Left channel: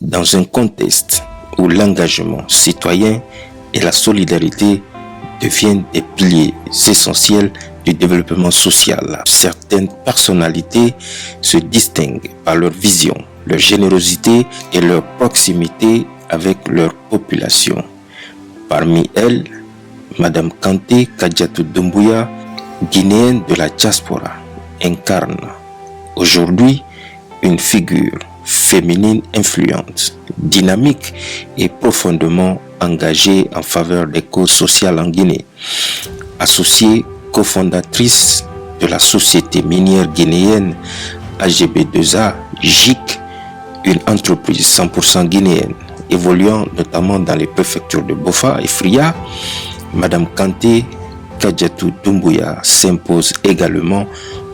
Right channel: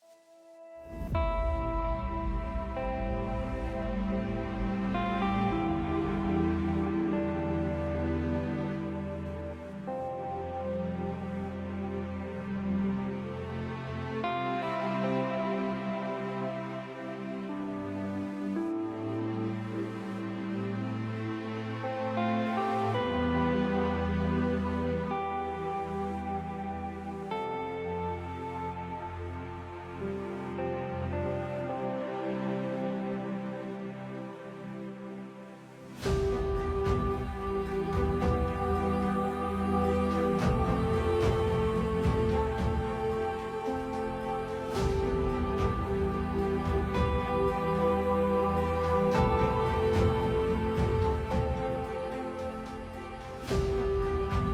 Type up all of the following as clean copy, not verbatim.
Dans un contexte où l'engagement citoyen et la solidarité deviennent des piliers essentiels du développement social, certaines personnalités se distinguent par leur vision, leur générosité et leur proximité avec leur population. Parmi elles, Madame Kanté Kadiatou Doumbouya, guinéenne de la diaspora, incarne aujourd'hui une figure féminine influente, dynamique et profondément engagée en faveur des causes sociales en Guinée. Associée cofondatrice de la société minière guinéenne AGB2A GIC, une entreprise 100% guinéenne évoluant notamment dans les préfectures de Bofa et Fria, Madame Kanté Kadiatou Doumbouya s'impose également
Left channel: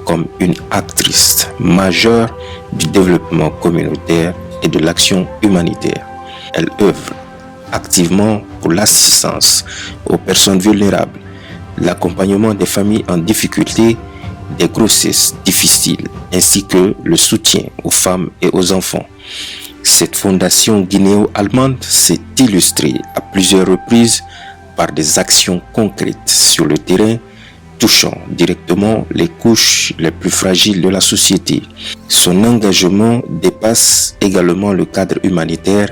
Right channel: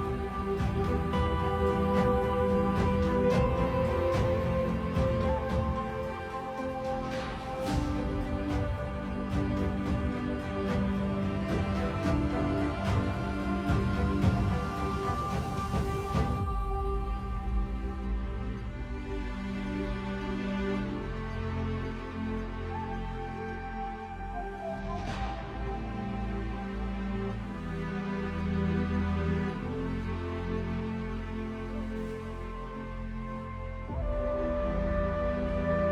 comme une actrice majeure du développement communautaire et de l'action humanitaire. Elle œuvre activement pour l'assistance aux personnes vulnérables, l'accompagnement des familles en difficulté, des grossesses difficiles, ainsi que le soutien aux femmes et aux enfants. Cette fondation guinéo-allemande s'est illustrée à plusieurs reprises par des actions concrètes sur le terrain, touchant directement les couches les plus fragiles de la société. Son engagement dépasse également le cadre humanitaire.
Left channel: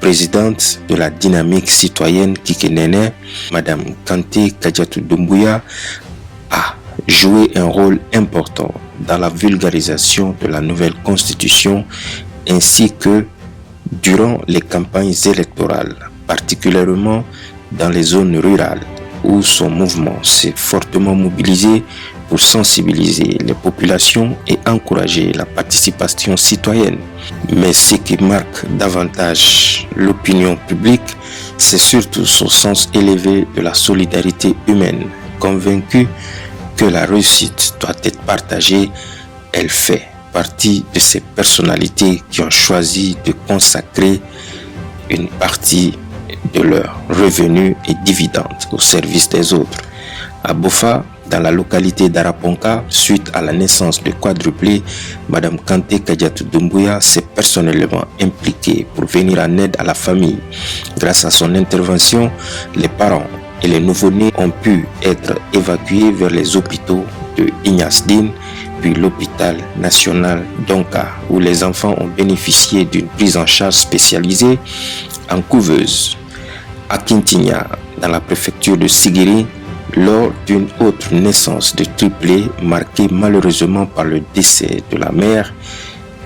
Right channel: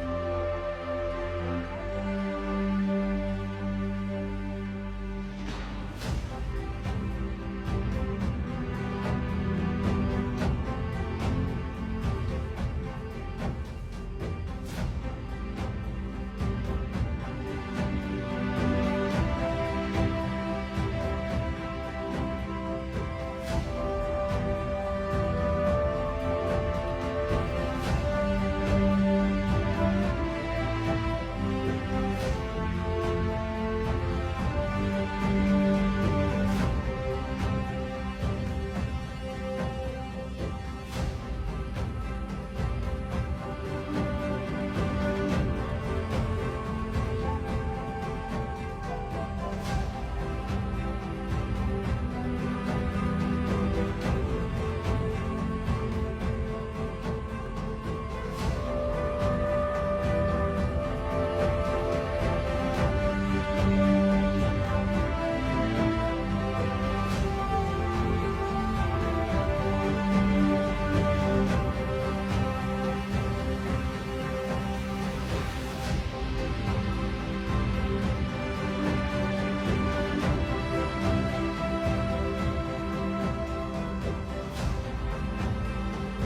Présidente de la dynamique citoyenne Kikenene, Madame Kanté Kadiatou Doumbouya a joué un rôle important dans la vulgarisation de la nouvelle constitution ainsi que durant les campagnes électorales, particulièrement dans les zones rurales où son mouvement s'est fortement mobilisé pour sensibiliser les populations et encourager la participation citoyenne. Mais ce qui marque davantage l'opinion publique, c'est surtout son sens élevé de la solidarité humaine. Convaincue que la réussite doit être partagée, elle fait partie de ces personnalités qui ont choisi de consacrer une partie de leurs revenus et dividendes au service des autres. À Bofa, dans la localité d'Araponka, suite à la naissance de quadruplés, Madame Kanté Kadiatou Doumbouya s'est personnellement impliquée pour venir en aide à la famille. Grâce à son intervention, les parents et les nouveau-nés ont pu être évacués vers les hôpitaux de Ignasdine, puis l'hôpital national d'Onka, où les enfants ont bénéficié d'une prise en charge spécialisée en couveuse. À Kintinia, dans la préfecture de Sigiri, lors d'une autre naissance de triplé marquée malheureusement par le décès de la mère,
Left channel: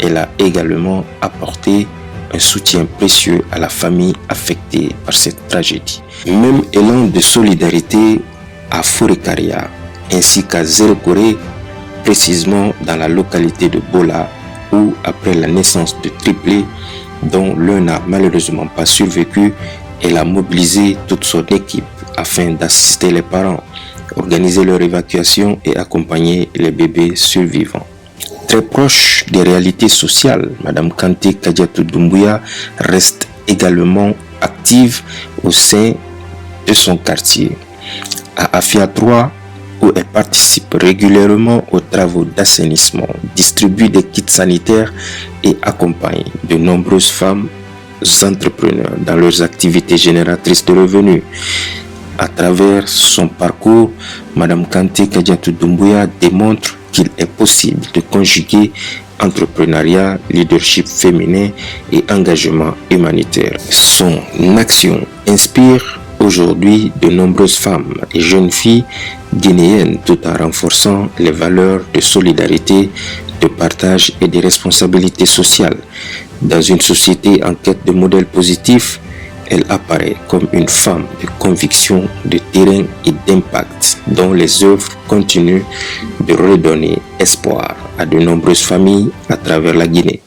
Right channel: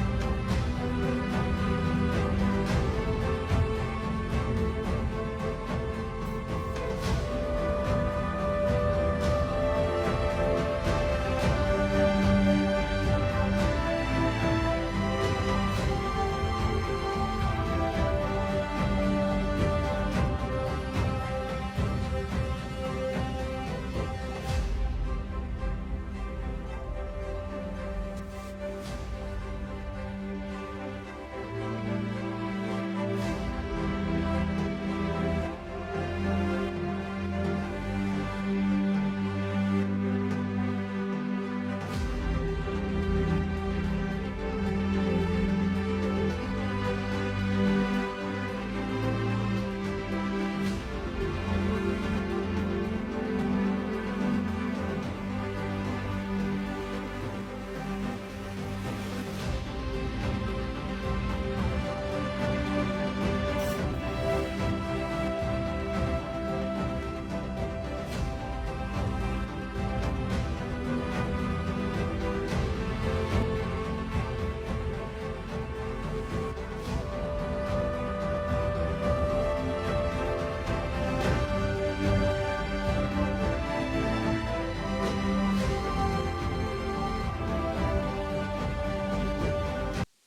elle a également apporté un soutien précieux à la famille affectée par cette tragédie. Même élan de solidarité à Forekaria ainsi qu'à Zérokoré, précisément dans la localité de Bola, où après la naissance de triplés, dont l'un n'a malheureusement pas survécu, elle a mobilisé toute son équipe afin d'assister les parents, organiser leur évacuation et accompagner les bébés survivants. Très proche des réalités sociales, Madame Kanté Kadiatou Doumbouya reste également active au sein de son quartier. À Afia 3, où elle participe régulièrement aux travaux d'assainissement, distribue des kits sanitaires et accompagne de nombreuses femmes entrepreneurs dans leurs activités génératrices de revenus. À travers son parcours, Madame Kanté Kadiatou Doumbouya démontre qu'il est possible de conjuguer entrepreneuriat, leadership féminin et engagement humanitaire. Son action inspire aujourd'hui de nombreuses femmes et jeunes filles guinéennes tout en renforçant les valeurs de solidarité, de partage et de responsabilité sociale. Dans une société en quête de modèles positifs, elle apparaît comme une femme de conviction, de terrain et d'impact dont les œuvres continuent de redonner espoir à de nombreuses familles à travers la Guinée.